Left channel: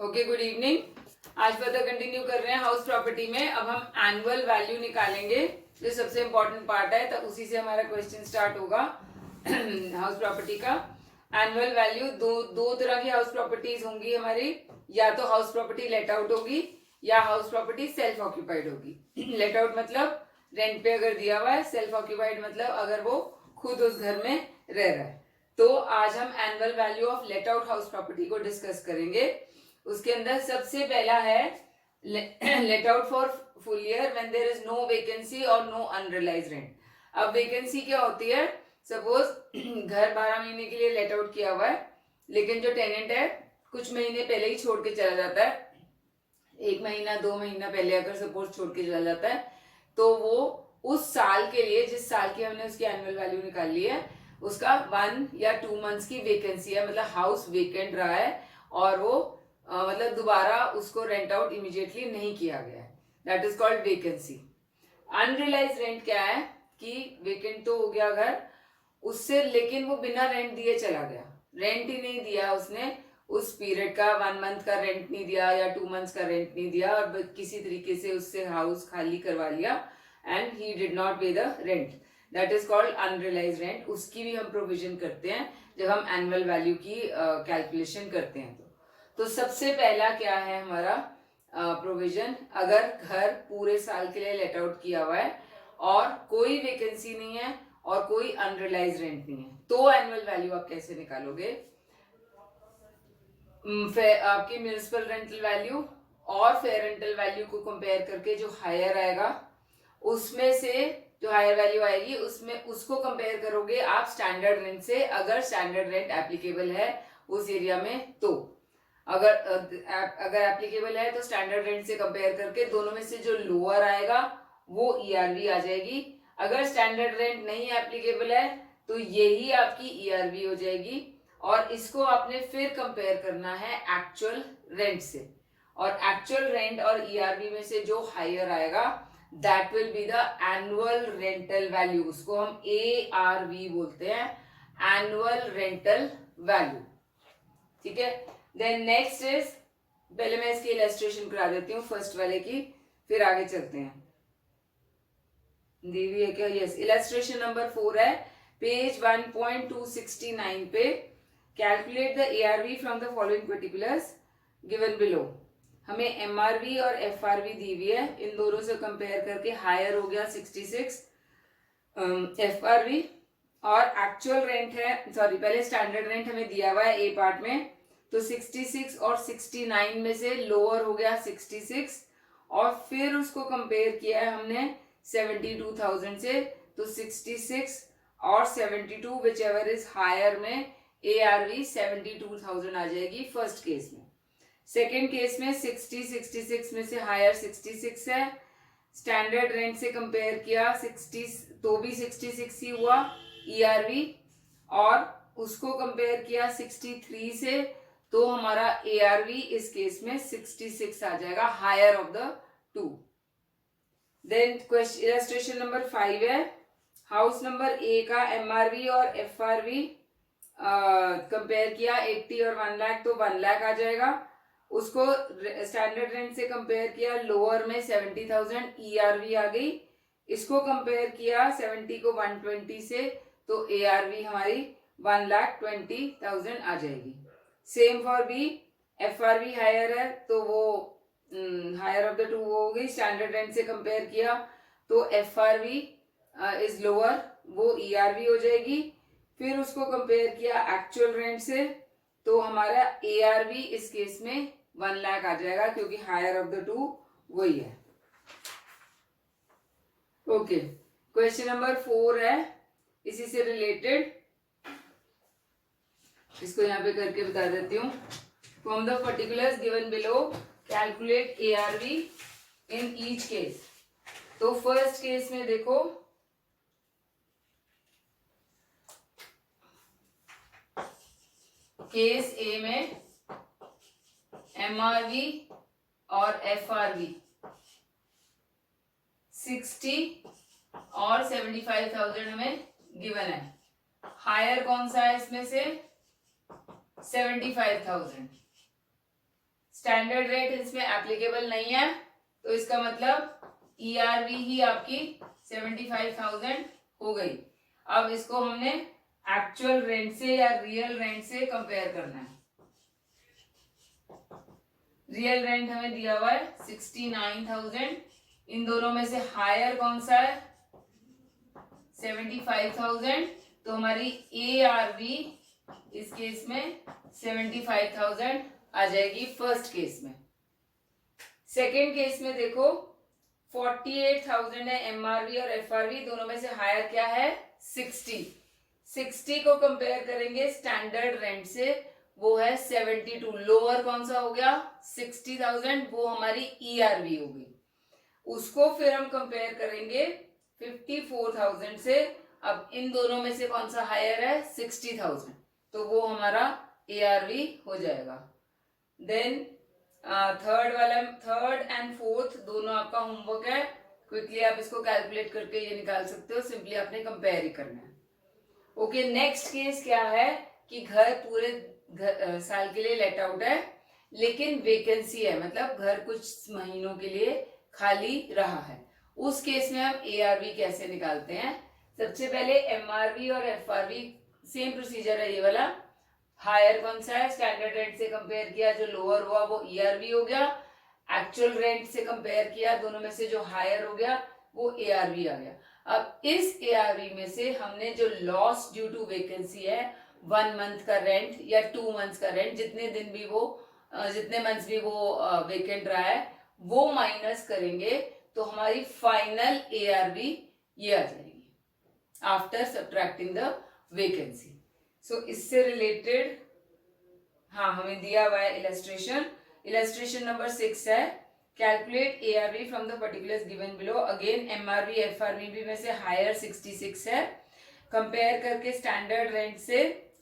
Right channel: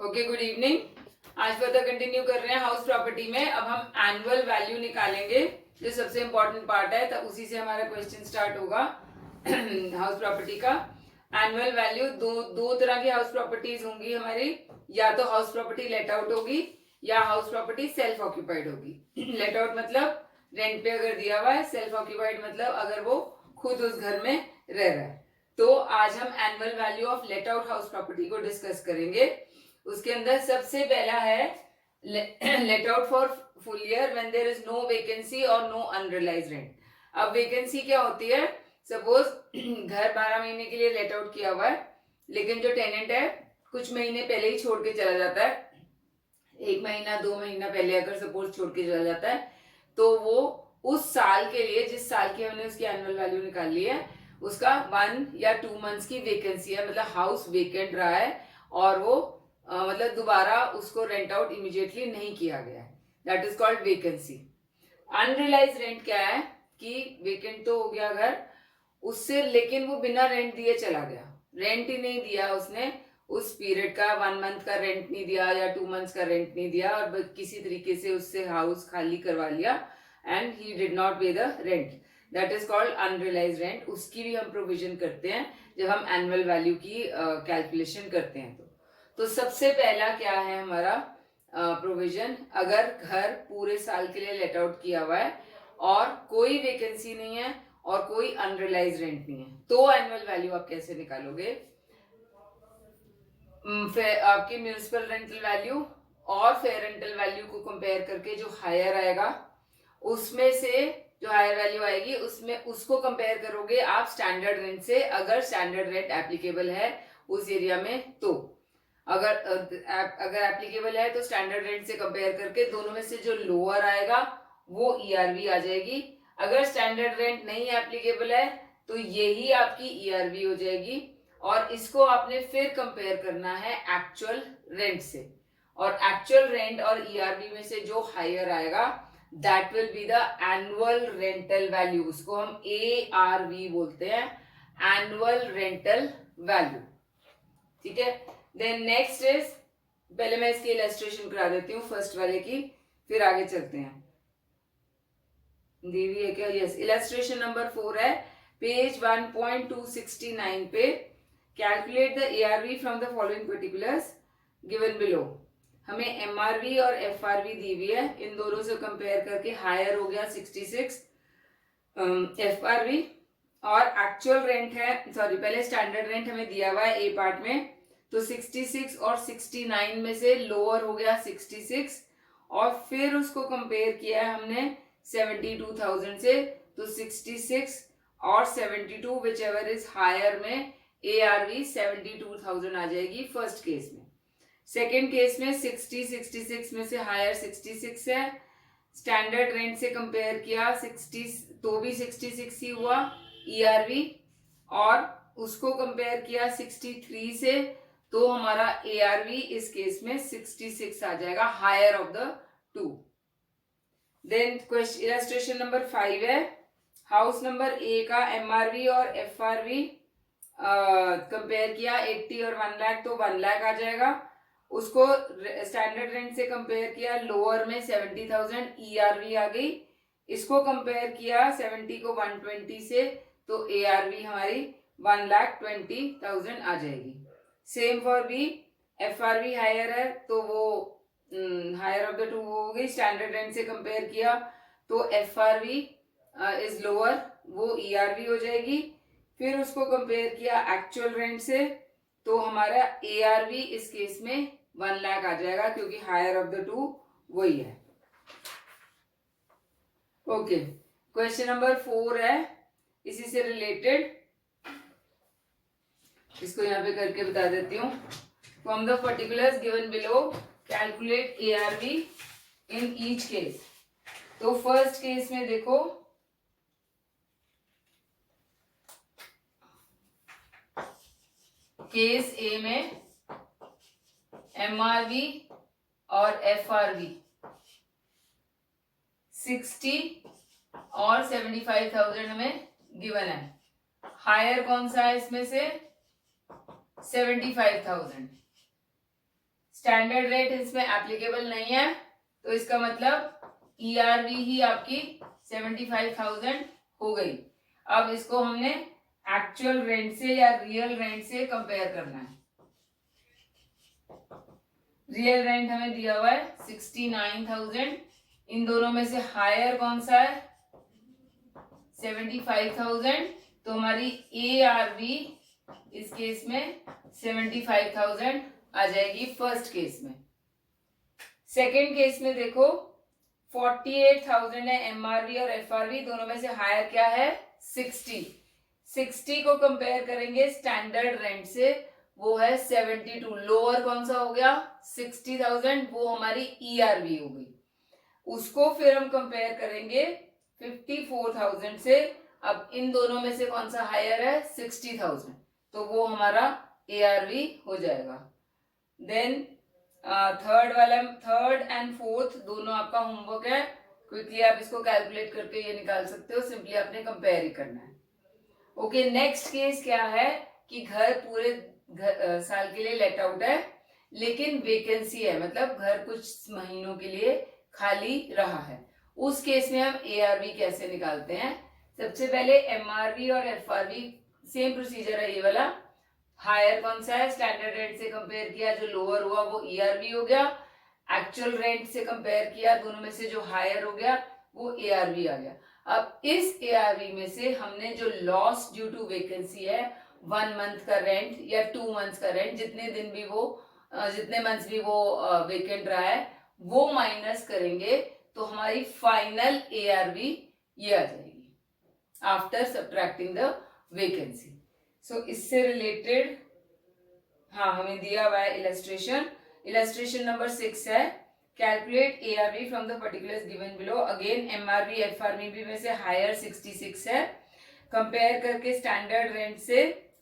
Okay, good evening. आज further continue कर रहे हैं हाउस प्रॉपर्टी में। अब हम एनुअल वैल्यू निकालेंगे, जो सबसे इंपॉर्टेंट पार्ट है, तो उसी से हमारा क्वेश्चन स्टार्ट होगा। हाउस प्रॉपर्टी का एनुअल वैल्यू, दो तरह की हाउस प्रॉपर्टीज होंगी हमारी। या तो हाउस प्रॉपर्टी लेट आउट होगी या हाउस प्रॉपर्टी सेल्फ ऑक्यूपाइड होगी। लेट आउट मतलब रेंट पे अगर दिया हुआ है, सेल्फ ऑक्यूपाइड मतलब अगर वो खुद उस घर में रह रहा है। तो आज हम annual value of let out house property को डिस्कस करेंगे। उसके अंदर सबसे पहला है let out for full year when there is no vacancy और नो अनरियलाइज्ड रेंट। अब वैकेंसी क्या होती है? सपोज घर 12 महीने के लिए लेट आउट किया हुआ है, लेकिन जो टेनेंट है कुछ महीने पहले ही छोड़ के चला जाता है, 1 महीना 2 महीना पहले अगर सपोज छोड़ के चला जाता है, तो वो उस साल के लिए, जिस साल की हमने उसकी एनुअल वैल्यू निकाल ली है, उसका 1 या 2 मंथ्स की वैकेंसी है, मतलब हाउस वेकेंट रहा है और वो मतलब दोबारा उसको रेंट आउट इमीडिएटली नहीं किया गया है, that is called vacancy. Unrealise rent क्या है कि वेकेंट तो हो गया घर, उससे लेकिन वो बिना रेंट दिए चला गया, रेंट ही नहीं दिया उसने, उस पीरियड का 1 मंथ का रेंट नहीं दिया या 2 मंथ्स का रेंट नहीं दिया और किसी तरीके से उससे हाउस खाली करवा लिया एंड ही डिड नॉट पे the rent, that is called unrealise rent. उसकी भी हम प्रोविजन करते हैं जब हम एनुअल वैल्यू की कैलकुलेशन करते हैं। तो सबसे पहला क्या है हमारा प्रोविजन, अगर घर पूरे साल के लिए लेट आउट किया हुआ है और कोई वैकेंसी नहीं है और कोई अनरियलाइज रेंट नहीं है, तो एनुअल वैल्यू आप कैसे निकालोगे? आपकी म्यूनिसिपल रेंटल वैल्यू और फेयर रेंटल वैल्यू को कंपेयर करके जो हायर आएगा, उसमें से जो हायर वैल्यू आएगी उसमें उसको कंपेयर करोगे आप स्टैंडर्ड रेंट से, अगर स्टैंडर्ड रेंट एप्लीकेबल है उस एरिया में। तो अगर एप्लीकेबल है तो स्टैंडर्ड रेंट से कंपेयर करके दोनों में से जो लोअर आएगा वो ईआरवी आ जाएगी। अगर स्टैंडर्ड रेंट नहीं एप्लीकेबल है तो यही आपकी ईआरवी हो जाएगी, और इसको आपने फिर कंपेयर करना है एक्चुअल रेंट से, और एक्चुअल रेंट और ईआरवी में से जो हायर आएगा that will be the annual rental value, उसको हम एआरवी बोलते हैं, एनुअल रेंटल वैल्यू। ठीक है, देन नेक्स्ट इज, पहले मैं इसकी इलस्ट्रेशन करा देती हूँ फर्स्ट वाले की, फिर आगे चलते हैं। दी हुई है क्या? यस, इलस्ट्रेशन नंबर 4 है, पेज 1.269 पे। Calculate the ARV from the following particulars given below. हमें एमआरवी और एफआरवी दी हुई है, इन दोनों से कंपेयर करके हायर हो गया 66 एफआरवी, और एक्चुअल रेंट है, सॉरी पहले स्टैंडर्ड रेंट हमें दिया हुआ है ए पार्ट में, तो 66 और 69 में से लोअर हो गया 66, और फिर उसको कंपेयर किया है हमने 72,000 से, तो 66 और 72 विच एवर इज हायर में एआरवी 72,000 आ जाएगी फर्स्ट केस में। सेकेंड केस में 66 में से हायर 66 है, स्टैंडर्ड रेंट से कंपेयर किया 60 तो भी 66 ही हुआ ईआरवी, और उसको कंपेयर किया 63 से, तो हमारा एआरवी इस केस में 66 आ जाएगा, higher of the two. Then question illustration number 5 है, हाउस नंबर ए का एमआरवी और एफआरवी कंपेयर किया 80 और 1 लाख, तो 1 लाख आ जाएगा। उसको स्टैंडर्ड रेंट से कंपेयर किया, लोअर में 70,000 ईआरवी आ गई। इसको कंपेयर किया 70 को 120 से, तो एआरवी हमारी 1,20,000 आ जाएगी। सेम फॉर बी, एफआरवी हायर है तो वो हायर ऑफ द टू हो गई, स्टैंडर्ड रेंट से कंपेयर किया तो एफआरवी इज लोअर, वो ईआरवी हो जाएगी। फिर उसको कंपेयर किया एक्चुअल रेंट से, तो हमारा एआरवी इस केस में 1 लाख आ जाएगा, क्योंकि हायर ऑफ द टू वही है। ओके, क्वेश्चन नंबर 4 है इसी से रिलेटेड, इसको यहाँ पे करके बता देती हूँ। From the particulars given below calculate ARV in each case. तो फर्स्ट केस में देखो, केस ए में एमआरवी और एफआरवी 60 और 75,000 हमें गिवन है। हायर कौन सा है इसमें से? 75,000। स्टैंडर्ड रेट इसमें एप्लीकेबल नहीं है, तो इसका मतलब ईआरवी ही आपकी 75,000 हो गई। अब इसको हमने एक्चुअल रेंट से या रियल रेंट से कंपेयर करना है। रियल रेंट हमें दिया हुआ है 69,000, इन दोनों में से हायर कौन सा है 75,000, तो हमारी ARV इस केस में 75,000 आ जाएगी फर्स्ट केस में। सेकेंड केस में देखो 48,000 है MRV और FRV, दोनों में से हायर क्या है 60 को कंपेयर करेंगे स्टैंडर्ड रेंट से, वो है 72। लोअर कौन सा हो गया 60,000, वो हमारी ERV हो गई। उसको फिर हम कंपेयर करेंगे 54,000 से। अब इन दोनों में से कौन सा हायर है 60,000, तो वो हमारा ARV हो जाएगा। देन थर्ड एंड फोर्थ दोनों आपका होमवर्क है, क्विकली आप इसको कैलकुलेट करके ये निकाल सकते हो, सिंपली आपने कंपेयर ही करना है। ओके, नेक्स्ट केस क्या है कि घर पूरे साल के लिए लेट आउट है, लेकिन वैकेंसी है, मतलब घर कुछ महीनों के लिए खाली रहा है। उस केस में हम ARV कैसे निकालते हैं? सबसे पहले MRV और FRV सेम प्रोसीजर है ये वाला। हायर कौन सा है स्टैंडर्ड रेंट से कंपेयर किया, जो लोअर हुआ वो ERV हो गया। एक्चुअल रेंट से कंपेयर किया, दोनों में से जो हायर हो गया वो ARV आ गया। अब इस ARV में से हमने जो लॉस ड्यू टू वैकेंसी है 1 मंथ का रेंट या 2 मंथ्स का रेंट, जितने मंथ्स भी वो वेकेंट रहा है वो माइनस करेंगे, तो हमारी फाइनल ARV ये आ जाएगी आफ्टर सब्ट्रैक्टिंग द वैकेंसी। सो इससे रिलेटेड हाँ हमें दिया हुआ है इलस्ट्रेशन नंबर 6 है, calculate ARV from the particulars given below. Again MRV FRV भी में से हायर 66 है, कंपेयर करके स्टैंडर्ड रेंट से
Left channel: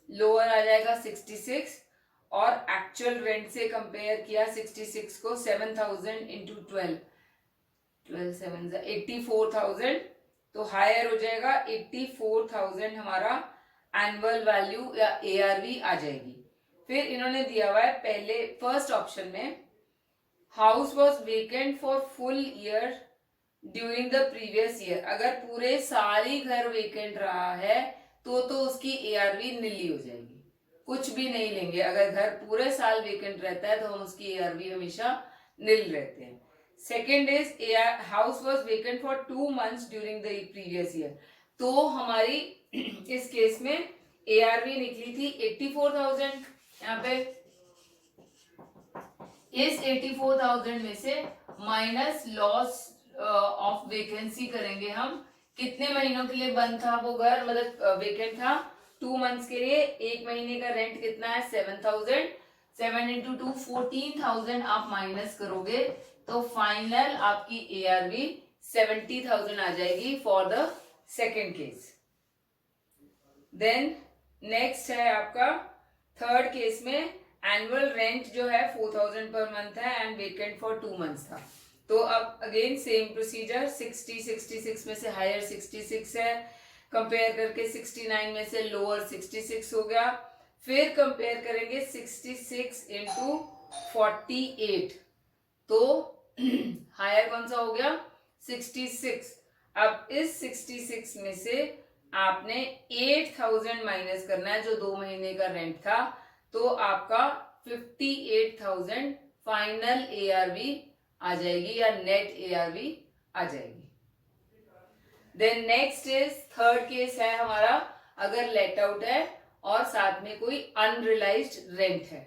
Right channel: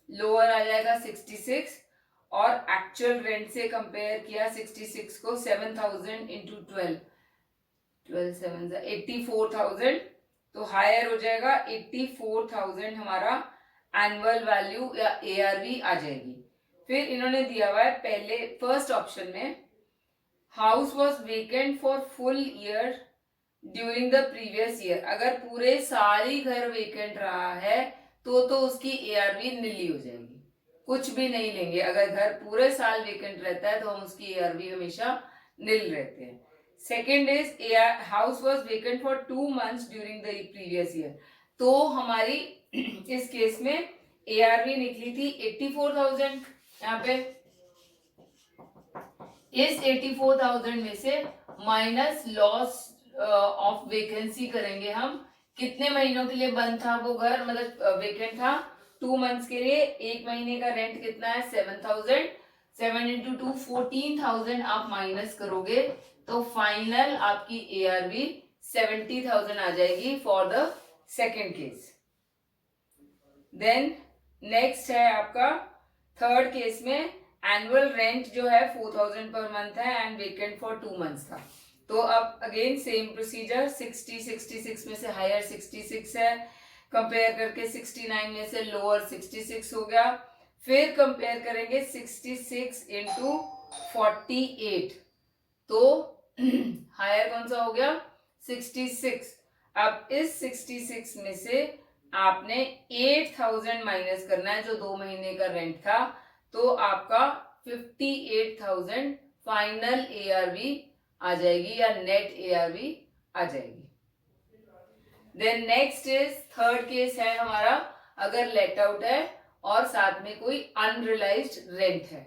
लोअर आ जाएगा 66, और एक्चुअल रेंट से कंपेयर किया 66 को 7,000 इंटू 12 7 84,000, तो हायर हो जाएगा 84,000 हमारा एनुअल वैल्यू या ARV आ जाएगी। फिर इन्होंने दिया हुआ है पहले फर्स्ट ऑप्शन में, house was vacant for full year during the previous year. अगर पूरे साल ही घर वेकेंट रहा है तो उसकी ARV नीली हो जाएगी, कुछ भी नहीं लेंगे। अगर घर पूरे साल वेकेंट रहता है तो हम उसकी ARV हमेशा नील रहते हैं। Second is house was vacant for 2 months during the previous year, तो हमारी इस केस में ARV निकली थी 84,000। यहाँ पे इस 84,000 में से माइनस लॉस ऑफ वैकेंसी करेंगे हम, कितने महीनों के लिए बंद था वो घर, मतलब वेकेंट था 2 मंथ्स के लिए। एक महीने का रेंट कितना है 7,000, 7 इंटू 2 14,000 आप माइनस करोगे, तो फाइनल आपकी ARV 70,000 आ जाएगी for the second case. Then next है आपका थर्ड केस में, एनुअल रेंट जो है 4,000 पर मंथ है एंड वेकेंट फॉर 2 months था। तो अब अगेन सेम प्रोसीजर, 66 में से हायर 66 है, कंपेयर करके 69 में से लोअर 66 हो गया। फिर कंपेयर करेंगे 66 इंटू 48, तो हायर कौन सा हो गया 66। अब इस 66 में से आपने 8,000 माइनस करना है, जो 2 महीने का रेंट था, तो आपका 58,000 फाइनल ARV आ जाएगी या नेट ARV आ जाएगी। Then next is third case है हमारा, अगर लेट आउट है और साथ में कोई अनरियलाइज्ड रेंट है।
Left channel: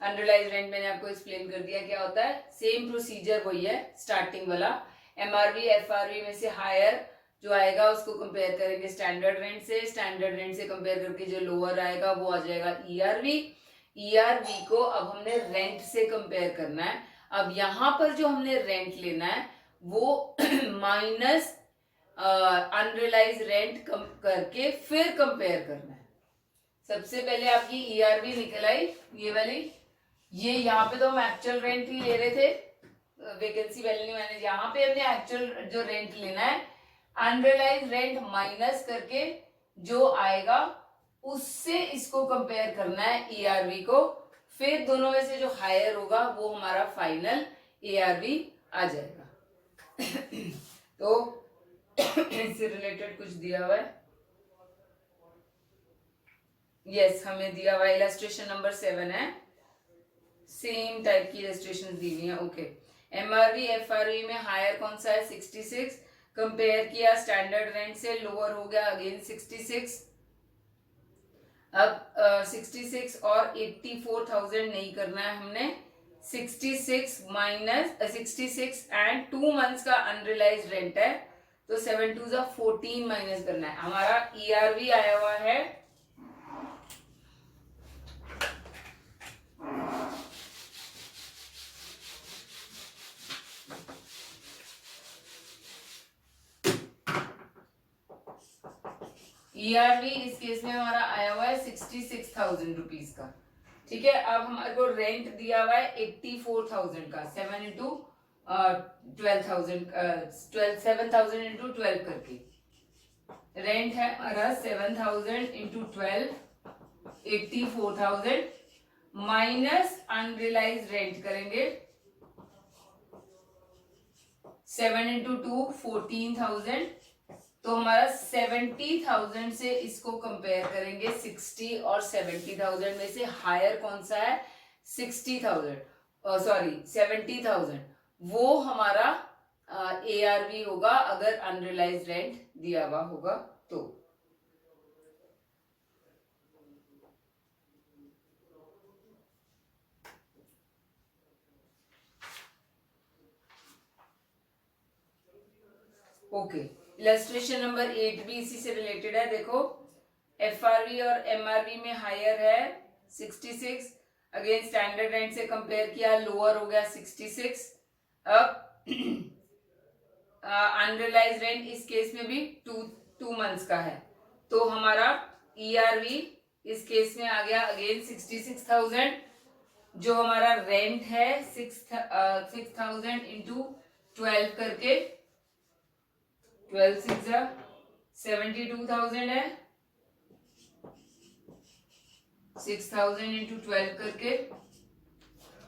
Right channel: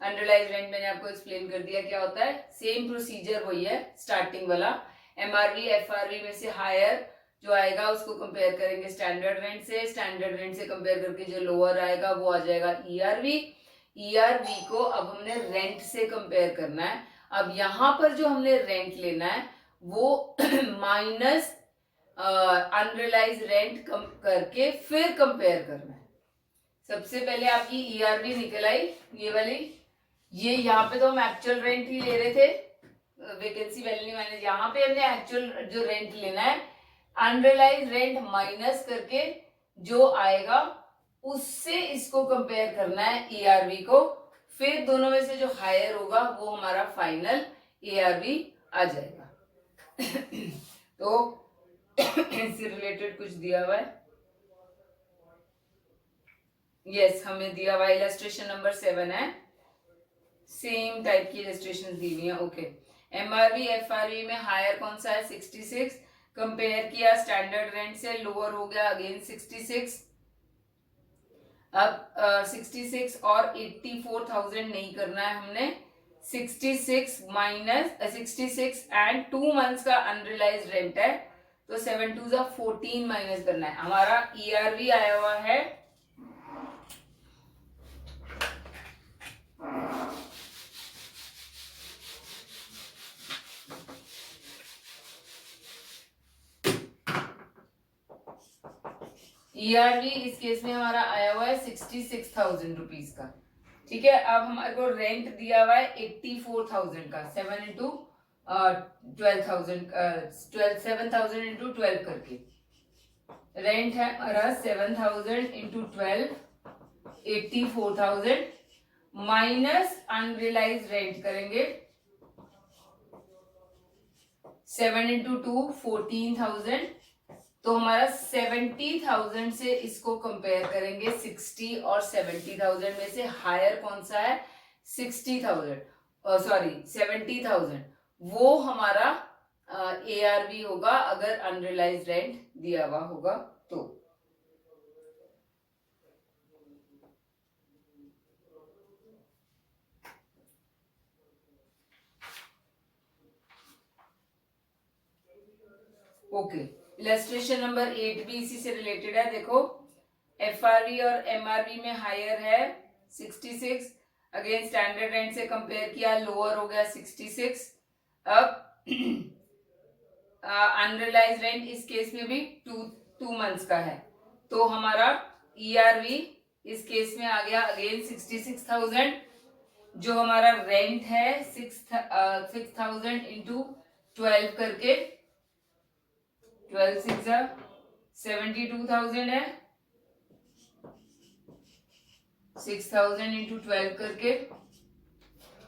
अनरियलाइज्ड रेंट मैंने आपको एक्सप्लेन कर दिया क्या होता है, सेम प्रोसीजर वही है स्टार्टिंग वाला। MRV FRV में से हायर जो आएगा उसको कंपेयर करेंगे स्टैंडर्ड रेंट से, स्टैंडर्ड रेंट से कंपेयर करके जो लोअर आएगा वो आ जाएगा ERV को अब हमने रेंट से कंपेयर करना है। अब यहाँ पर जो हमने रेंट लेना है वो माइनस अनरियलाइज रेंट करके फिर कंपेयर करना है। सबसे पहले आपकी ERV निकल आई ये वाली, ये यहाँ पे तो हम एक्चुअल रेंट ही ले रहे थे, वैकेंसी वैल्यू मैंने, यहाँ पे हमने एक्चुअल जो रेंट लेना है, अनरियलाइज रेंट माइनस करके जो आएगा उससे इसको कंपेयर करना है ERV को, फिर दोनों में से जो हायर होगा वो हमारा फाइनल ARV आ जाएगा। तो इससे रिलेटेड कुछ दिया हुआ है, यस हमें दिया हुआ इलस्ट्रेशन नंबर 7 है, सेम टाइप की इलस्ट्रेशन दी हुई है। ओके, MRV FRV में हायर कौन सा है 66, कंपेयर किया स्टैंडर्ड रेंट से, लोअर हो गया अगेन 66। अब 66 और 84,000 नहीं करना है हमने, 66 माइनस 66 एंड 2 मंथ्स का अनरियलाइज रेंट है, तो 7 2 14 माइनस करना है। हमारा ERV आया हुआ है ERV इस केस में हमारा आया हुआ है 66,000 रुपीज का। ठीक है, अब हमारे को रेंट दिया हुआ है 84,000 का, 7 इंटू 12,000 7,000 इंटू 12 करके रेंट है हमारा 7,000 इंटू 12, 84,000 माइनस अनरियलाइज रेंट करेंगे 7 इंटू 2 14,000, तो हमारा 70,000 से इसको कंपेयर करेंगे 60 और 70,000 में से हायर कौन सा है 70,000, वो हमारा ARV होगा अगर अनरियलाइज रेंट दिया हुआ होगा तो। ओके, इलस्ट्रेशन नंबर 8 भी इसी से रिलेटेड है। देखो FRV और MRV में हायर है 66, अगेन स्टैंडर्ड रेंट से कंपेयर किया लोअर हो गया 66। अब अनरियलाइज रेंट इस केस में भी 2 मंथ्स का है, तो हमारा ERV इस केस में आ गया अगेन 66,000, जो हमारा रेंट है 6,000 इंटू 12 करके 12 6 72,000 है, 6,000 इंटू 12 करके,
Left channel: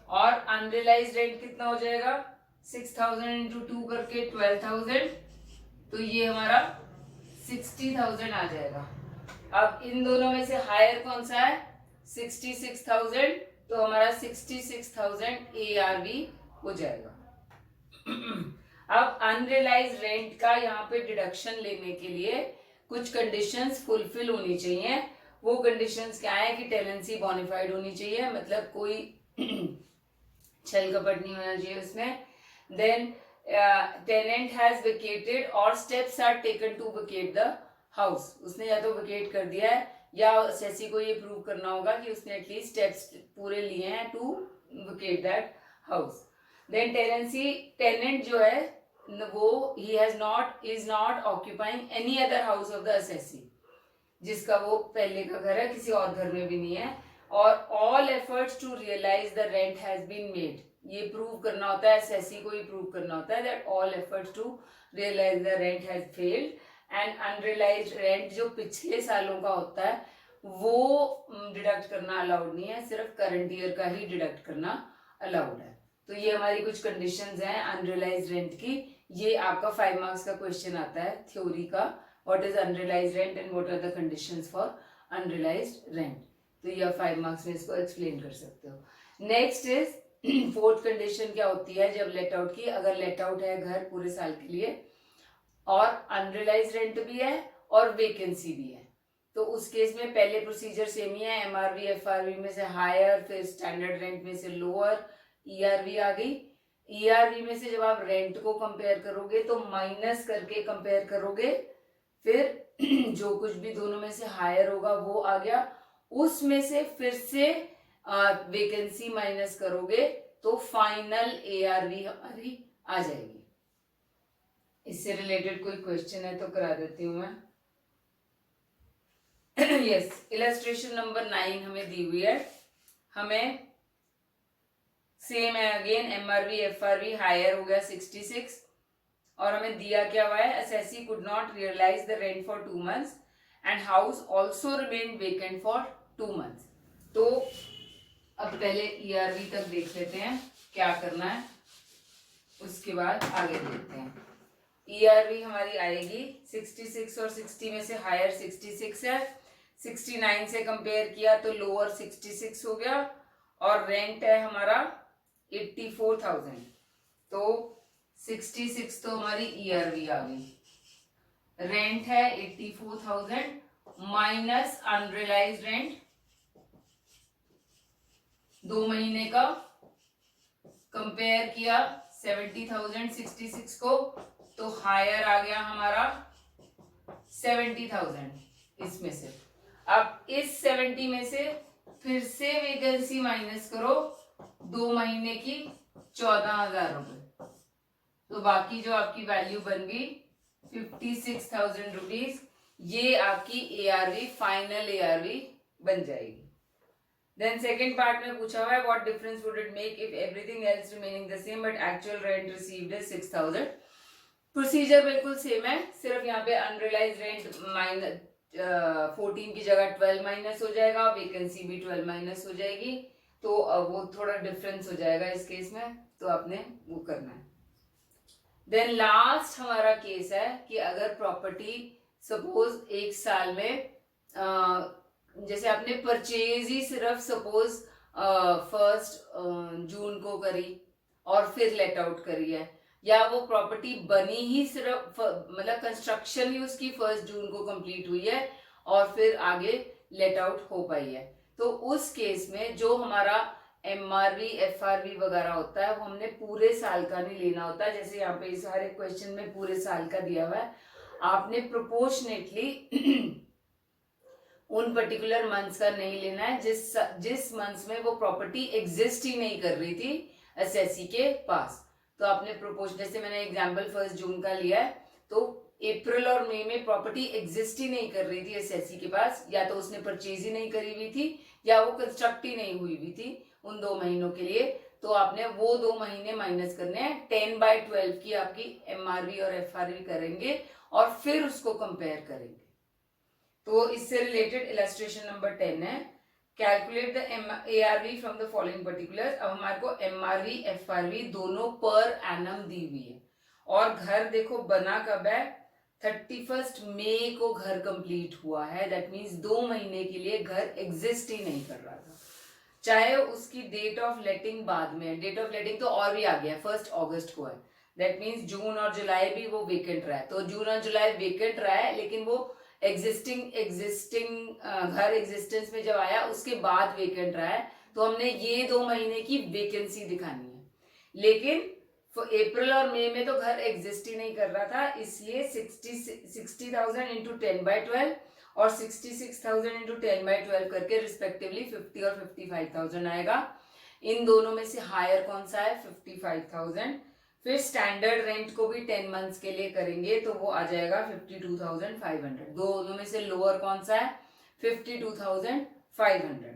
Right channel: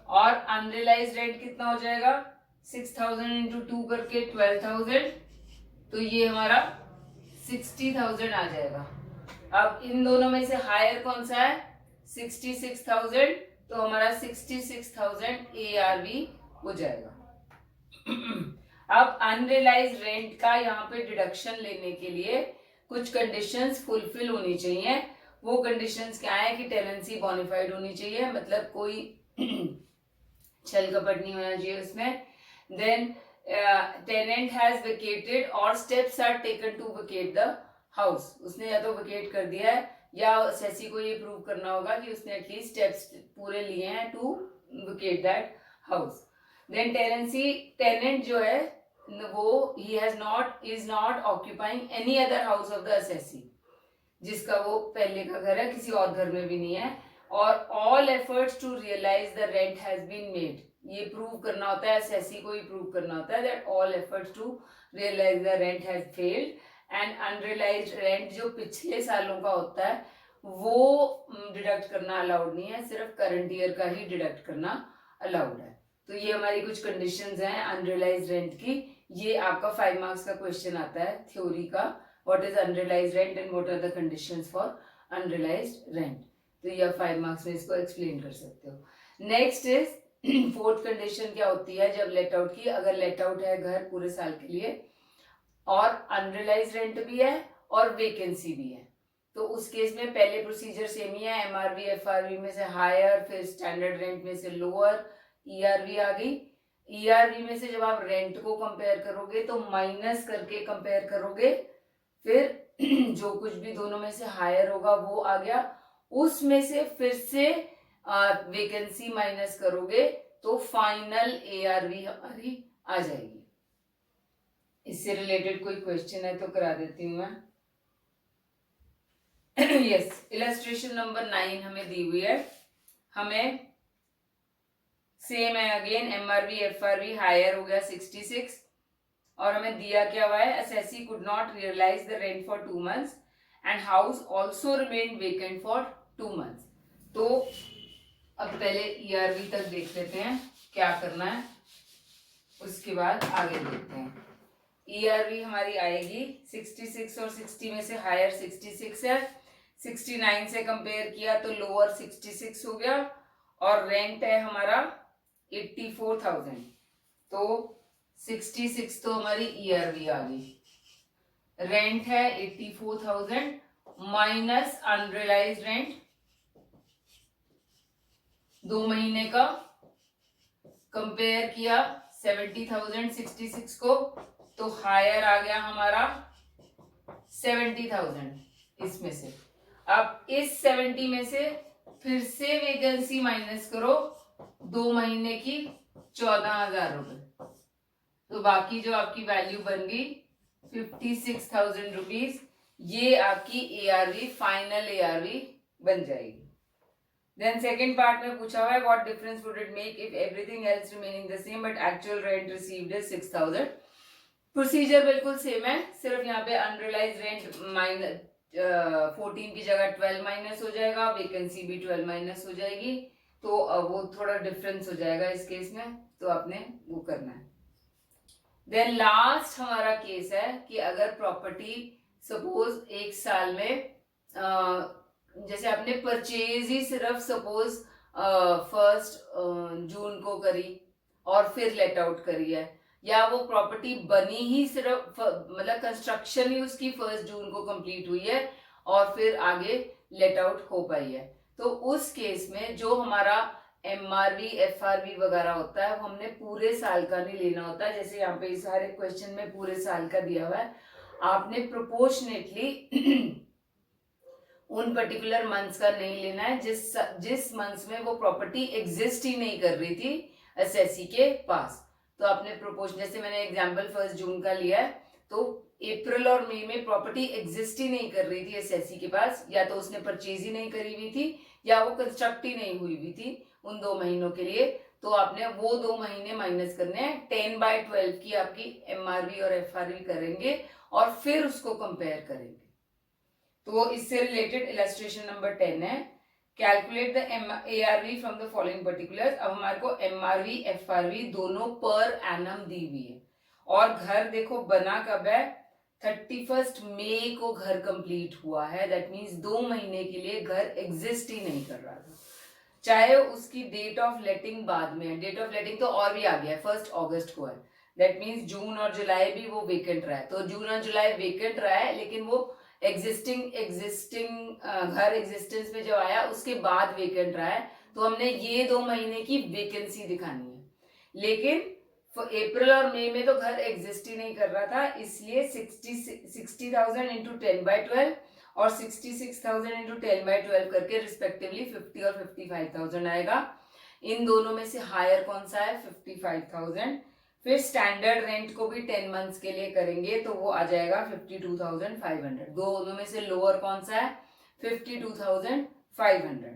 और अनरियलाइज रेंट कितना हो जाएगा 6,000 इंटू 2 करके 12,000, तो ये हमारा 60,000 आ जाएगा। अब इन दोनों में से हायर कौन सा है 66,000, तो हमारा 66,000 ARV हो जाएगा। अब अनरियलाइज रेंट का यहाँ पे डिडक्शन लेने के लिए कुछ कंडीशंस फुलफिल होनी चाहिए। वो कंडीशंस क्या है कि टेनेंसी बोनाफाइड होनी चाहिए, मतलब कोई छल कपट नहीं होना चाहिए उसमें। देन टेनेंट हैज वेकेटेड और steps are taken to vacate the house, उसने या तो वेकेट कर दिया है या सेसी को ये प्रूव करना होगा कि उसने एटलीस्ट स्टेप्स पूरे लिए हैं to vacate that house. Then tenant जो है वो is not occupying any other house of the assessee, जिसका वो पहले का घर है किसी और घर में भी नहीं है, और all efforts to realise the rent has been made, ये प्रूव करना होता है असेसी को ही प्रूव करना होता है that all efforts to realise the rent has failed, and unrealised rent जो पिछले सालों का होता है वो डिडक्ट करना अलाउड नहीं है, सिर्फ करंट ईयर का ही डिडक्ट करना अलाउड है। तो ये हमारी कुछ कंडीशंस हैं अनरियलाइज्ड रेंट की। ये आपका 5 मार्क्स का क्वेश्चन आता है थ्योरी का, what is unrealised rent and what are the conditions for unrealised rent, तो ये 5 मार्क्स में इसको एक्सप्लेन कर सकते हो। नेक्स्ट इज फोर्थ कंडीशन क्या होती है जब लेट आउट की, अगर लेट आउट है घर पूरे साल के लिए और अनरियलाइज्ड रेंट भी है और वेकेंसी भी है, तो उस केस में पहले प्रोसीजर सेम ही है, MRV FRV में से हायर, फिर स्टैंडर्ड रेंट में से लोअर, ERV आ गई। ERV में से जब आप रेंट को कंपेयर करोगे तो माइनस करके कंपेयर करोगे, फिर जो कुछ भी दोनों में से हायर होगा वो आ गया, उसमें से फिर से वेकेंसी माइनस करोगे तो फाइनल ARV हमारी आ जाएगी। इससे रिलेटेड कोई क्वेश्चन है तो करा देती हूं मैं। यस, इलस्ट्रेशन नंबर 9 हमें दी हुई है, हमें सेम है अगेन, MRV FRV हायर हो गया 66, और हमें दिया क्या हुआ है assessee could not realise the rent for 2 months and house also remain vacant for 2 months. तो अब पहले ईआरवी तक देख लेते हैं क्या करना है, उसके बाद आगे देखते हैं। ईआरवी हमारी आएगी 66 और 60 में से हायर 66 है, 69 से कंपेयर किया तो लोअर 66 हो गया, और रेंट है हमारा 84,000, तो 66 तो हमारी ईआरवी आ गई। रेंट है 84,000 माइनस अनरियलाइज्ड रेंट 2 महीने का, कंपेयर किया 70,000 66 को, तो हायर आ गया हमारा 70,000 इसमें से। अब इस 70 में से फिर से वैकेंसी माइनस करो 2 महीने की 14,000 रुपए, तो बाकी जो आपकी वैल्यू बन गई 56,000 रुपीज, ये आपकी एआरवी फाइनल एआरवी बन जाएगी। देन सेकेंड पार्ट में पूछा हुआ है what difference would it make if everything else remaining the same but actual rent received is 6,000। Procedure बिल्कुल सेम है, सिर्फ यहाँ पे अनरियलाइज रेंट माइनस 14 की जगह 12 माइनस हो जाएगा, वैकेंसी भी 12 माइनस हो जाएगी, तो वो थोड़ा डिफरेंस हो जाएगा इस केस में, तो आपने वो करना है। देन लास्ट हमारा केस है कि अगर प्रॉपर्टी सपोज एक साल में जैसे आपने परचेज ही सिर्फ सपोज 1 जून को करी और फिर लेट आउट करी है, या वो प्रॉपर्टी बनी ही सिर्फ मतलब कंस्ट्रक्शन ही उसकी 1 जून को कंप्लीट हुई है और फिर आगे लेट आउट हो पाई है, तो उस केस में जो हमारा एमआरवी एफआरवी वगैरह होता है वो हमने पूरे साल का नहीं लेना होता है। जैसे यहाँ पे इस हर एक क्वेश्चन में पूरे साल का दिया हुआ है, आपने प्रोपोर्शनेटली उन पर्टिकुलर मंथ्स का नहीं लेना है जिस मंथ्स में वो प्रॉपर्टी एग्जिस्ट ही नहीं कर रही थी एसएससी के पास, तो आपने प्रोपोर्शन, जैसे मैंने एग्जांपल 1 जून का लिया है, तो अप्रैल और मई में प्रॉपर्टी एग्जिस्ट ही नहीं कर रही थी एसएससी के पास, या तो उसने परचेज ही नहीं करी हुई थी या वो कंस्ट्रक्ट ही नहीं हुई हुई थी उन 2 महीनों के लिए, तो आपने वो 2 महीने माइनस करने हैं। 10/12 की आपकी एमआरवी और एफआरवी करेंगे और फिर उसको कंपेयर करेंगे। तो इससे रिलेटेड इलस्ट्रेशन नंबर 10 है, calculate the ARV from the following particular. अब हमारे को एमआरवी एफआरवी दोनों पर एनम दी हुई है, और घर देखो बना कब है, 31 मई को घर कंप्लीट हुआ है, दैट मीन्स 2 महीने के लिए घर एग्जिस्ट ही नहीं कर रहा था, चाहे उसकी डेट ऑफ लेटिंग बाद में है, डेट ऑफ लेटिंग तो और भी आ गया है 1 अगस्त को है, दैट मीन्स जून और जुलाई भी वो वेकेंट रहा है, तो जून और जुलाई वेकेंट रहा है, लेकिन वो एग्जिस्टिंग घर एग्जिस्टेंस में जब आया उसके बाद वेकेंट रहा है, तो हमने ये 2 महीने की वैकेंसी दिखानी है, लेकिन अप्रैल और मई में तो घर एग्जिस्ट ही नहीं कर रहा था, इसलिए 60,000 इंटू 10/12 और 66,000 इंटू 10/12 करके रिस्पेक्टिवली 50 और 55,000 आएगा। इन दोनों में से हायर कौन सा है, 55,000। फिर स्टैंडर्ड रेंट को भी 10 मंथ्स के लिए करेंगे तो वो आ जाएगा 52,500। दोनों में से लोअर कौन सा है, 52,500।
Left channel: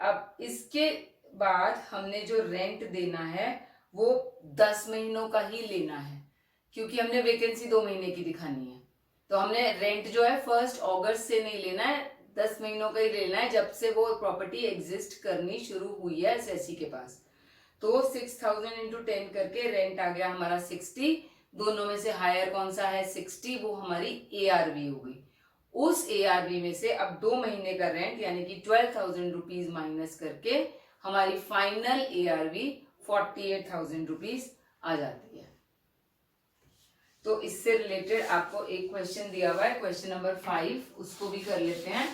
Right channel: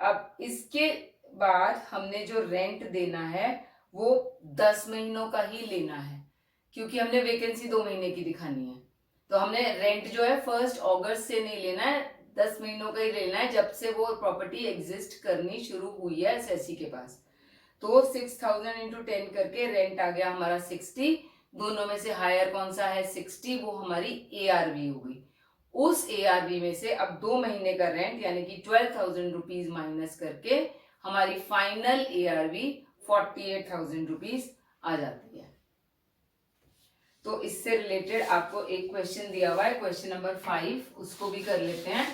अब इसके बाद हमने जो रेंट देना है वो 10 महीनों का ही लेना है, क्योंकि हमने वैकेंसी 2 महीने की दिखानी है, तो हमने रेंट जो है 1 अगस्त से नहीं लेना है, 10 महीनों का ही लेना है, जब से वो प्रॉपर्टी एग्जिस्ट करनी शुरू हुई है एसएससी के पास। तो 6,000 इंटू 10 करके रेंट आ गया हमारा 60, दोनों में से हायर कौन सा है 60, वो हमारी एआरवी होगी। उस एआरवी में से अब 2 महीने का रेंट यानी कि 12,000 रुपीज माइनस करके हमारी फाइनल एआरवी 48,000 रुपीज आ जाती है। तो इससे रिलेटेड आपको एक क्वेश्चन दिया हुआ है, क्वेश्चन नंबर 5, उसको भी कर लेते हैं।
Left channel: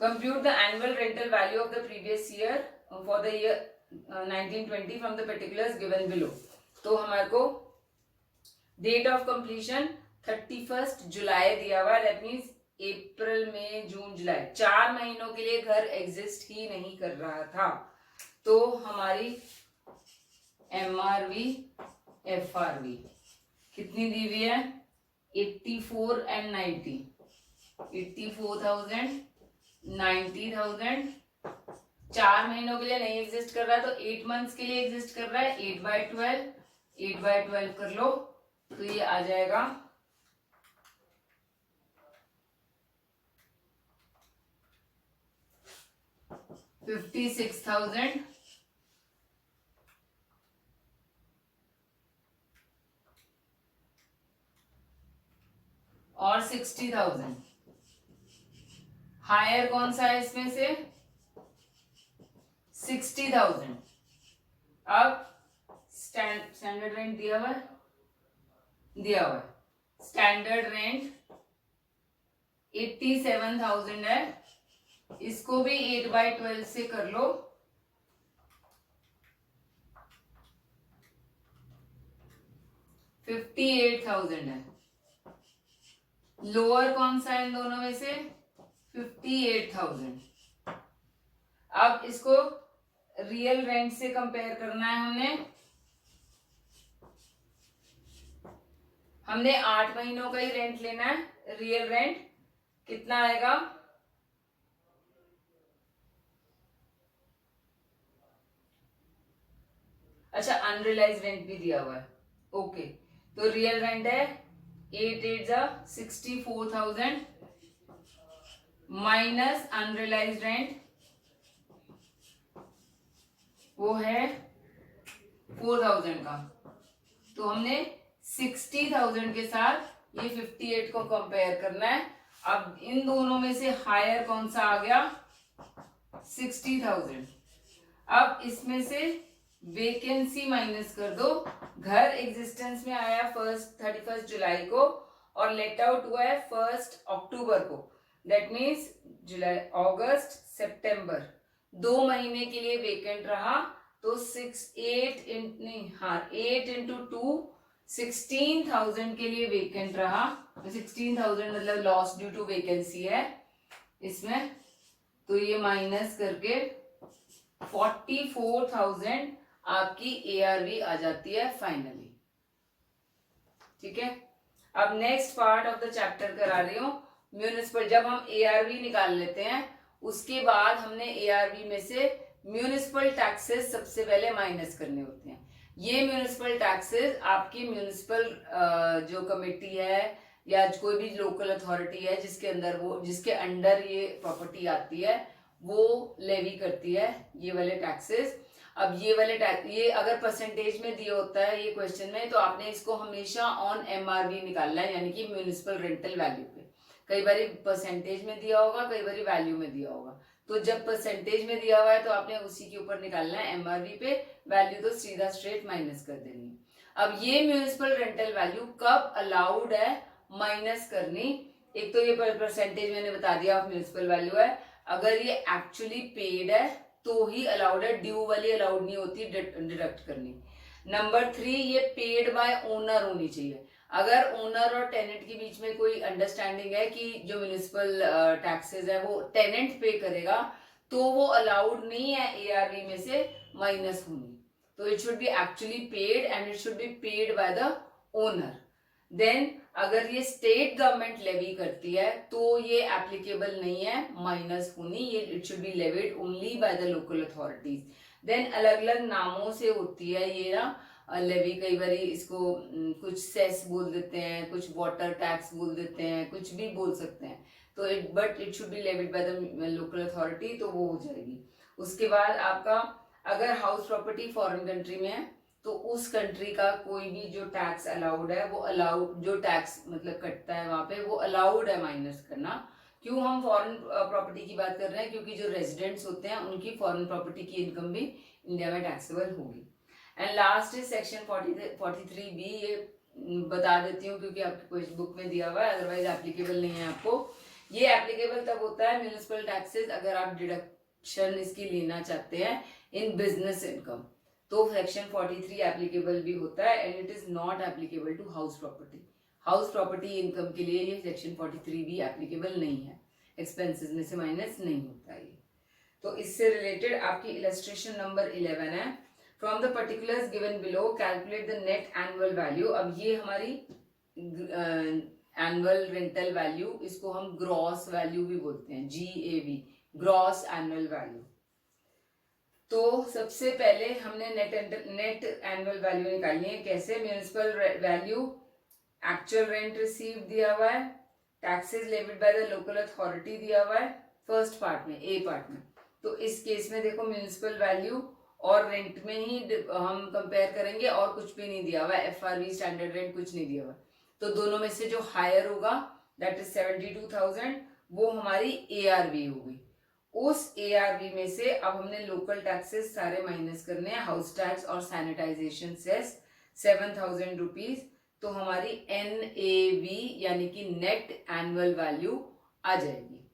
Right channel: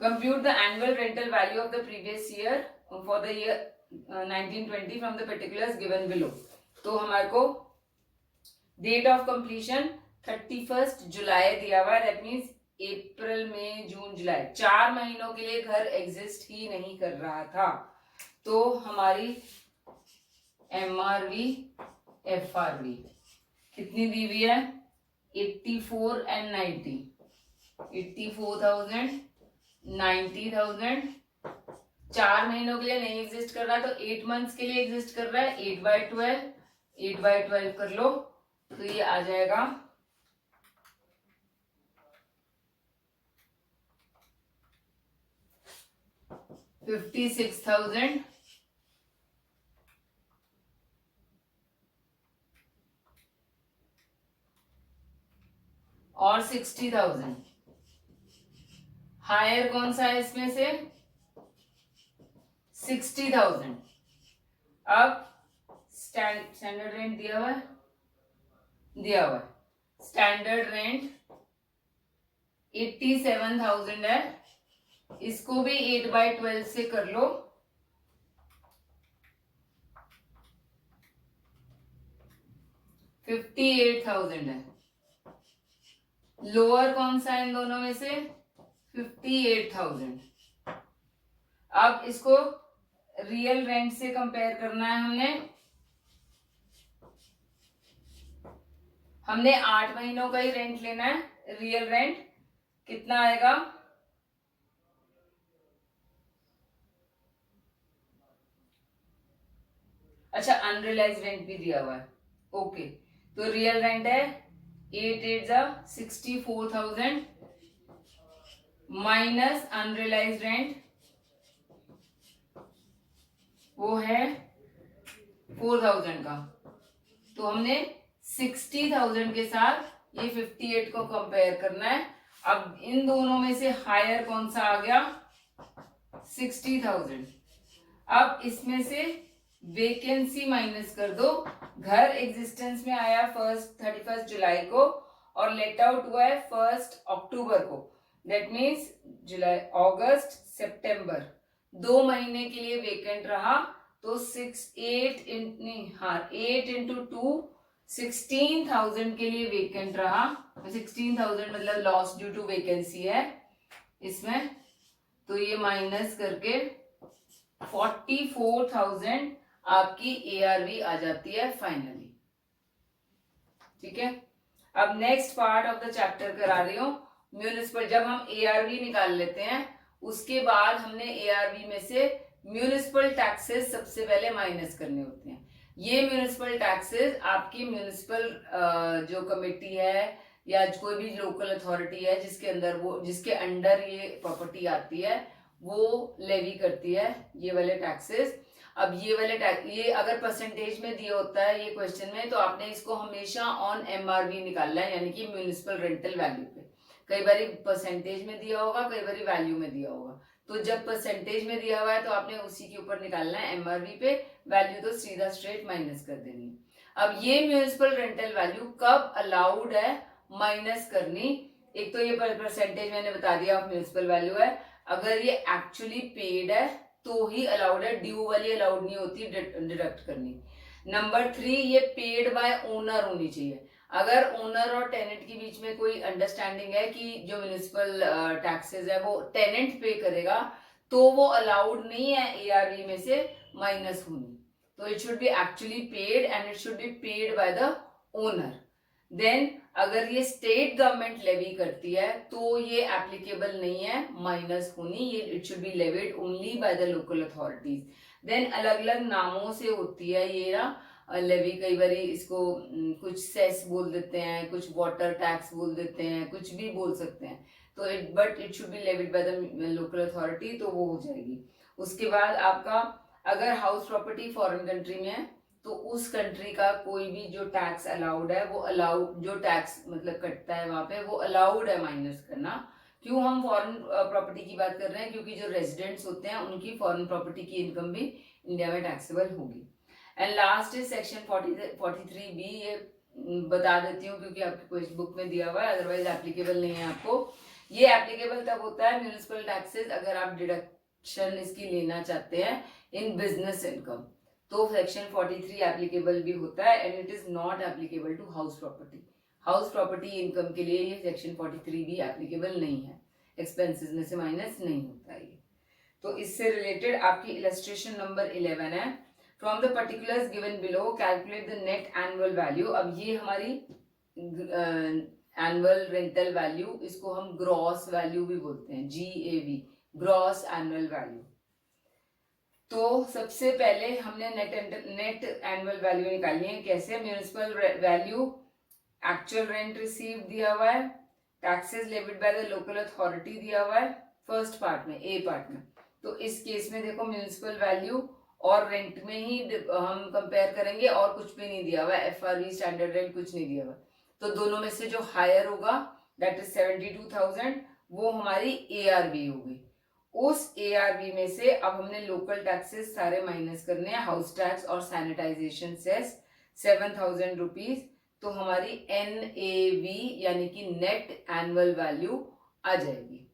Compute the annual rental value of the previous year for the year 1920 from the particulars given below. तो हमारे को डेट ऑफ कंप्लीशन 31 जुलाई दिया हुआ है, दैट मीन्स अप्रैल मई जून जुलाई 4 महीनों के लिए घर एग्जिस्ट ही नहीं कर रहा था, तो हमारी एमआरवी एफआरवी कितनी दी हुई है, 84 and 90, 84,000 90,000। 4 महीनों के लिए नहीं एग्जिस्ट कर रहा है तो 8 मंथ्स के लिए एग्जिस्ट कर रहा है, 8/12 कर लो, तो ये आ जाएगा 56,000 और 60,000। हायर कौन सा है इसमें से? 60,000। अब स्टैंडर्ड रेंट दिया हुआ है, स्टैंडर्ड रेंट 87,000 है। इसको भी 8/12 से कर लो, 58,000 है। लोअर कौन सा है इन दोनों में से? 58,000। अब इसको रियल रेंट से कंपेयर करना है हमने 8 महीनों का ही रेंट लेना है। रियल रेंट कितना आएगा? अच्छा, अनरियलाइज रेंट भी दिया हुआ है। ओके, तो रियल रेंट है 8/8 = 64,000 माइनस अनरियलाइज रेंट वो है 4,000 का। तो हमने 60,000 के साथ ये 58 को कंपेयर करना है। अब इन दोनों में से हायर कौन सा आ गया? 60,000। अब इसमें से वेकेंसी माइनस कर दो। घर एग्जिस्टेंस में आया 31 जुलाई को और लेट आउट हुआ है 1 अक्टूबर को। दैट मीन्स जुलाई, अगस्त, सितंबर 2 महीने के लिए वेकेंट रहा। तो 8 into 2 16,000 के लिए वेकेंट रहा। 16,000 मतलब लॉस ड्यू टू वैकेंसी है इसमें। तो ये माइनस करके 44,000 आपकी ARV आ जाती है फाइनली। ठीक है, अब next part of the chapter करा रही हूं म्यूनिसिपल। जब हम ARV निकाल लेते हैं उसके बाद हमने ARV में से म्यूनिसिपल टैक्सेस सबसे पहले माइनस करने होते हैं। ये म्यूनिसिपल टैक्सेस आपकी म्यूनिसिपल जो कमेटी है या कोई भी लोकल अथॉरिटी है जिसके अंडर ये प्रॉपर्टी आती है वो लेवी करती है ये वाले टैक्सेस। अब ये वाले ये अगर परसेंटेज में दिया होता है ये क्वेश्चन में, तो आपने इसको हमेशा ऑन MRV निकालना है, यानी कि म्यूनिसिपल रेंटल वैल्यू पे। कई बार परसेंटेज में दिया होगा, कई बार वैल्यू में दिया होगा। तो जब परसेंटेज में दिया हुआ है तो आपने उसी के ऊपर निकालना है MRV पे, वैल्यू तो सीधा स्ट्रेट माइनस कर देनी है। अब ये म्यूनिसिपल रेंटल वैल्यू कब अलाउड है माइनस करनी? एक तो ये परसेंटेज मैंने बता दिया ऑफ म्यूनिसिपल वैल्यू है। अगर ये एक्चुअली पेड है तो ही अलाउड है, ड्यू वाली अलाउड नहीं होती डिडक्ट करनी। नंबर 3, ये पेड बाय ओनर होनी चाहिए। अगर ओनर और टेनेंट के बीच में कोई अंडरस्टैंडिंग है कि जो म्यूनिसिपल टैक्सेस है वो टेनेंट पे करेगा तो वो अलाउड नहीं है ARV में से माइनस होनी। तो it should be actually paid and it should be paid by the owner. Then अगर ये स्टेट गवर्नमेंट लेवी करती है तो ये एप्लीकेबल नहीं है माइनस होनी, ये it should be levied only by the local authorities. Then अलग अलग नामों से होती है ये ना लेवी। कई बार इसको कुछ सेस बोल देते हैं, कुछ वाटर टैक्स बोल देते हैं, कुछ भी बोल सकते हैं। तो but it should be levied bye the local authority, तो वो हो जाएगी। उसके बाद आपका अगर हाउस प्रॉपर्टी फॉरेन कंट्री में है तो उस कंट्री का कोई भी जो टैक्स अलाउड है वो अलाउड, जो टैक्स मतलब कटता है वहां पे वो अलाउड है माइनस करना। क्यों हम फॉरेन प्रॉपर्टी की बात कर रहे हैं? क्योंकि जो रेजिडेंट्स होते हैं उनकी फॉरेन प्रॉपर्टी की इनकम भी इंडिया में टैक्सेबल होगी। And last is section 43B। ये बता देती हूँ क्योंकि आपकी बुक में दिया हुआ है, अदरवाइज एप्लीकेबल नहीं है आपको। ये एप्लीकेबल तब होता है म्यूनिसिपल टैक्सेस अगर आप डिडक्शन इसकी लेना चाहते हैं इन बिजनेस इनकम, तो सेक्शन 43 एप्लीकेबल भी होता है and it is not applicable to house property. House property income के लिए ये सेक्शन 43 भी एप्लीकेबल नहीं है, एक्सपेंसेस में से माइनस नहीं होता ये। तो इससे रिलेटेड आपकी इलस्ट्रेशन नंबर 11 है। From the particulars given below calculate the net annual value. अब ये हमारी एनुअल रेंटल वैल्यू, इसको हम ग्रॉस वैल्यू भी बोलते हैं, GAV, ग्रॉस एनुअल वैल्यू। तो सबसे पहले हमने नेट एनुअल वैल्यू निकालनी है। कैसे? Municipal value, actual rent receive दिया हुआ है, taxes levied bye the local authority दिया हुआ है फर्स्ट पार्ट में, A पार्ट में। तो इस केस में देखो म्यूनिसिपल वैल्यू और रेंट में ही हम कंपेयर करेंगे और कुछ भी नहीं दिया हुआ है, FRV स्टैंडर्ड रेंट कुछ नहीं दिया हुआ। तो दोनों में से जो हायर होगा दैट इज 72,000, वो हमारी ARV होगी। उस ARV में से अब हमने लोकल टैक्सेस सारे माइनस करने हैं, हाउस टैक्स और सैनिटाइजेशन सेस 7,000 रुपीज। तो हमारी NAV यानी कि नेट एनुअल वैल्यू आ जाएगी।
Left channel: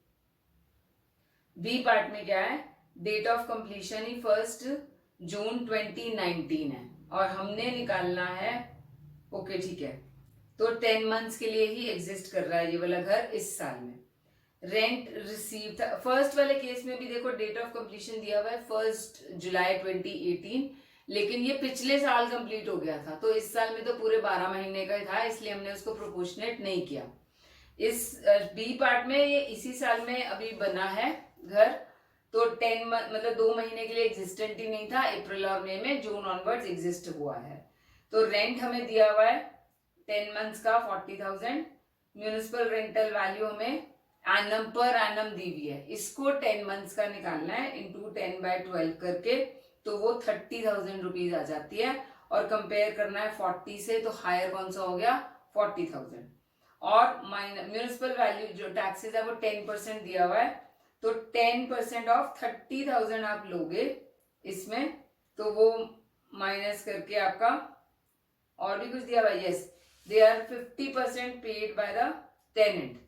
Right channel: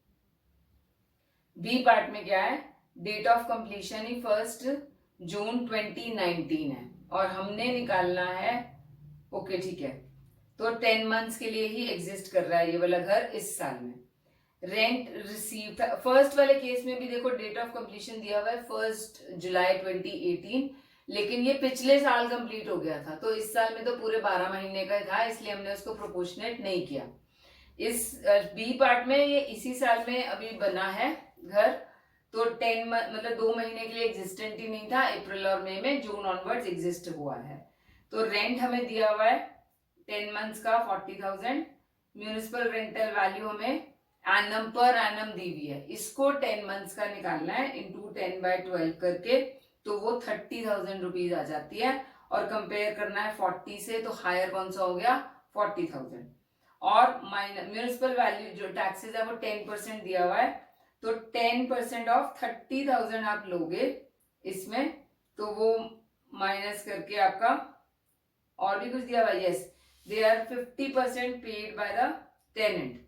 बी पार्ट में क्या है, डेट ऑफ कंप्लीशन ही 1 जून 2019 है और हमने निकालना है, ओके ठीक है, तो 10 मंथ्स के लिए ही एग्जिस्ट कर रहा है ये वाला घर इस साल में। रेंट रिसीव था, फर्स्ट वाले केस में भी देखो डेट ऑफ कंप्लीशन दिया हुआ है 1 जुलाई 2018, लेकिन ये पिछले साल कंप्लीट हो गया था, तो इस साल में तो पूरे 12 महीने का था, इसलिए हमने उसको प्रोपोर्शनेट नहीं किया। इस बी पार्ट में ये इसी साल में अभी बना है घर, तो 10 मतलब 2 महीने के लिए एग्जिस्टेंट ही नहीं था, अप्रैल और मई में, जून ऑनवर्ड्स एग्जिस्ट हुआ है। तो रेंट हमें दिया हुआ है 10 मंथ्स का 40,000, म्यूनिसिपल रेंटल वैल्यू हमें एनम पर एनम दी हुई है, इसको 10 मंथ्स का निकालना है इंटू 10/12 करके, तो वो 30,000 रुपीज आ जाती है। और कंपेयर करना है 40 से, तो हायर कौन सा हो गया 40,000, और माइनस म्यूनिसिपल वैल्यू जो टैक्सेस है वो 10% दिया हुआ है, तो 10% ऑफ 30,000 आप लोगे इसमें, तो वो माइनस करके आपका और भी कुछ दिया हुआ, yes they are 50% paid by the tenant,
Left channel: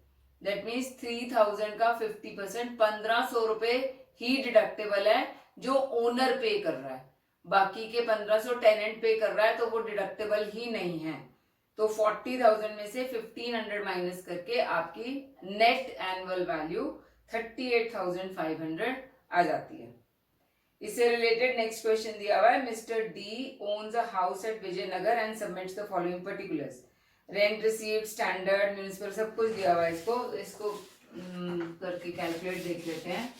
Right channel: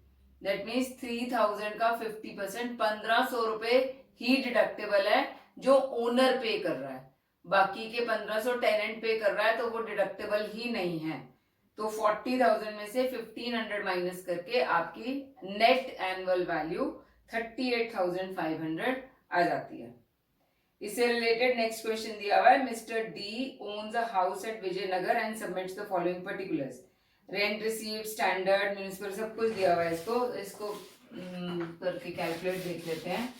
that means 3,000 का 50%, 1,500 रुपए ही डिडक्टेबल है जो ओनर पे कर रहा है, बाकी के 1,500 टेनेंट पे कर रहा है, तो वो डिडक्टेबल ही नहीं है। तो 40,000 में से 1,500 माइनस करके आपकी नेट एनुअल वैल्यू 38,500 आ जाती है। इससे रिलेटेड नेक्स्ट क्वेश्चन दिया हुआ है, mister D owns a house at Vijaynagar and submits the following particulars, rent received, standard, municipal, सब कुछ दिया हुआ है। इसको करके कैलकुलेट देख लेते हैं।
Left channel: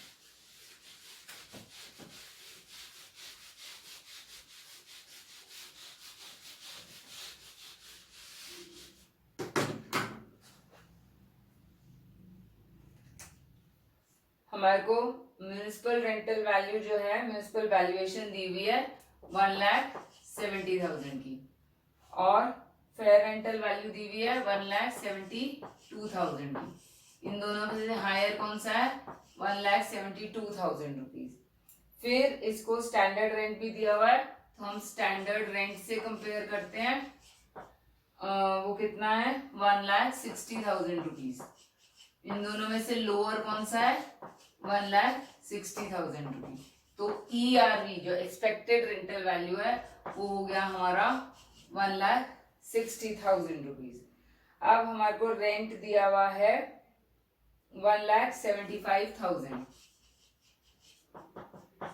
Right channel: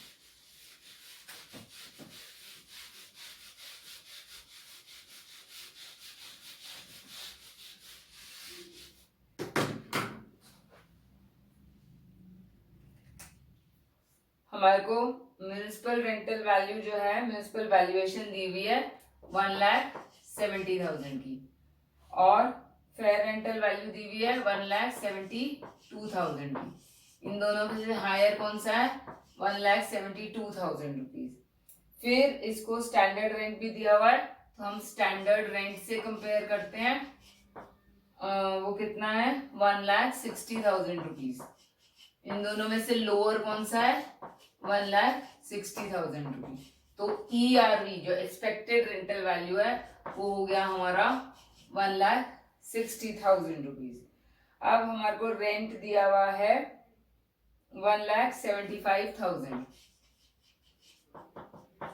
हमारे को म्यूनिसिपल रेंटल वैल्यू जो है, म्यूनिसिपल वैल्यूएशन दी हुई है 1,70,000 की, और फेयर रेंटल वैल्यू दी हुई है 1,72,000 की। इन दोनों में से हायर कौन सा है 1,72,000 रुपीज। फिर इसको स्टैंडर्ड रेंट भी दिया हुआ है, तो हम स्टैंडर्ड रेंट से कंपेयर करते हैं, वो कितना है 1,60,000 रुपीज। इन दोनों में से लोअर कौन सा है 1,60,000 रुपीज। तो ERV जो एक्सपेक्टेड रेंटल वैल्यू है वो हो गया हमारा 1,60,000 रुपीज। अब हमारे को रेंट दिया हुआ है 1,75,000,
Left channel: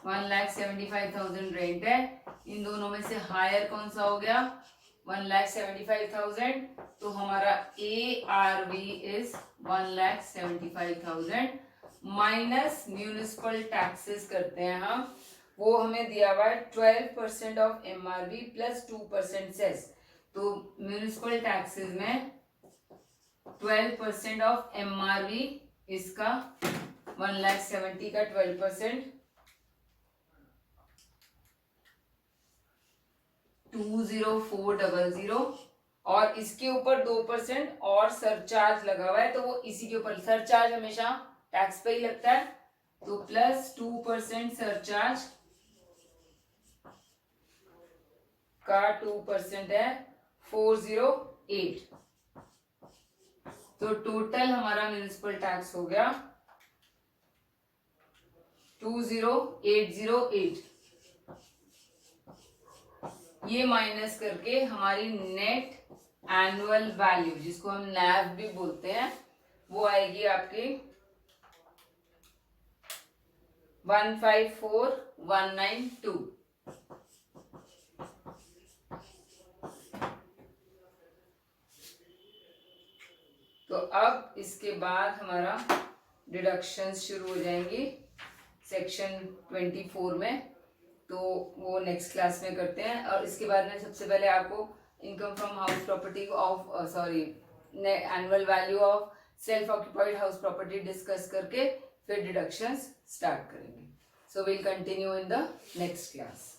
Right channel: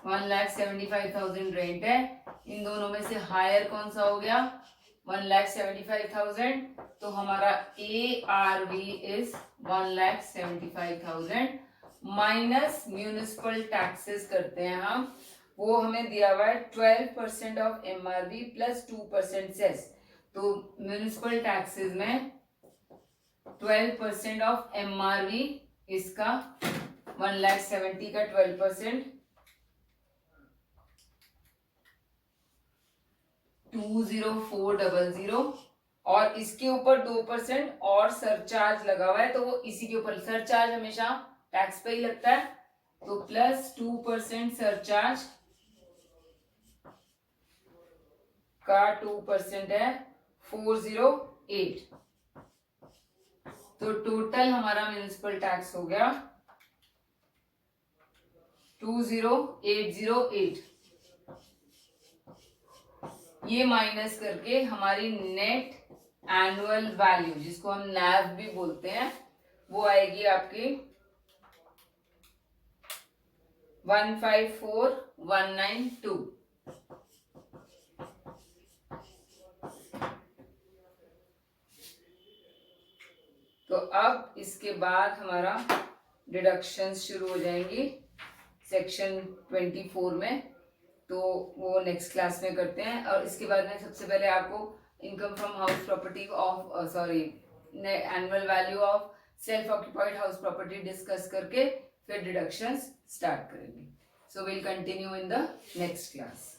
1,75,000 रेंट है। इन दोनों में से हायर कौन सा हो गया 1,75,000, तो हमारा ARV is 1,75,000 minus municipal taxes करते हैं हम, वो हमें दिया हुआ है 12% ऑफ MRV प्लस 2% सेस। तो म्यूनिसिपल टैक्सेस में 12% ऑफ MRV, इसका 1,70,000 का 12% 20400, और इसके ऊपर 2% और सरचार्ज लगा हुआ है, तो वो इसी के ऊपर, सरचार्ज हमेशा टैक्स पे ही लगता है, तो प्लस 2% सरचार्ज का 2% है 408, तो टोटल हमारा म्यूनिसिपल टैक्स हो गया 20808। ये माइनस करके हमारी नेट एनुअल वैल्यू, जिसको हम NAV भी बोलते हैं, वो आएगी आपकी 154,192। तो अब इसके बाद हमारा डिडक्शंस शुरू हो जाएंगी सेक्शन 24 में, तो वो नेक्स्ट क्लास में करते हैं। और इसके बाद में सबसे पहले आपको income from house property of annual value of self occupied house property discuss करके फिर डिडक्शंस स्टार्ट करेंगे। So we'll continue in the next class.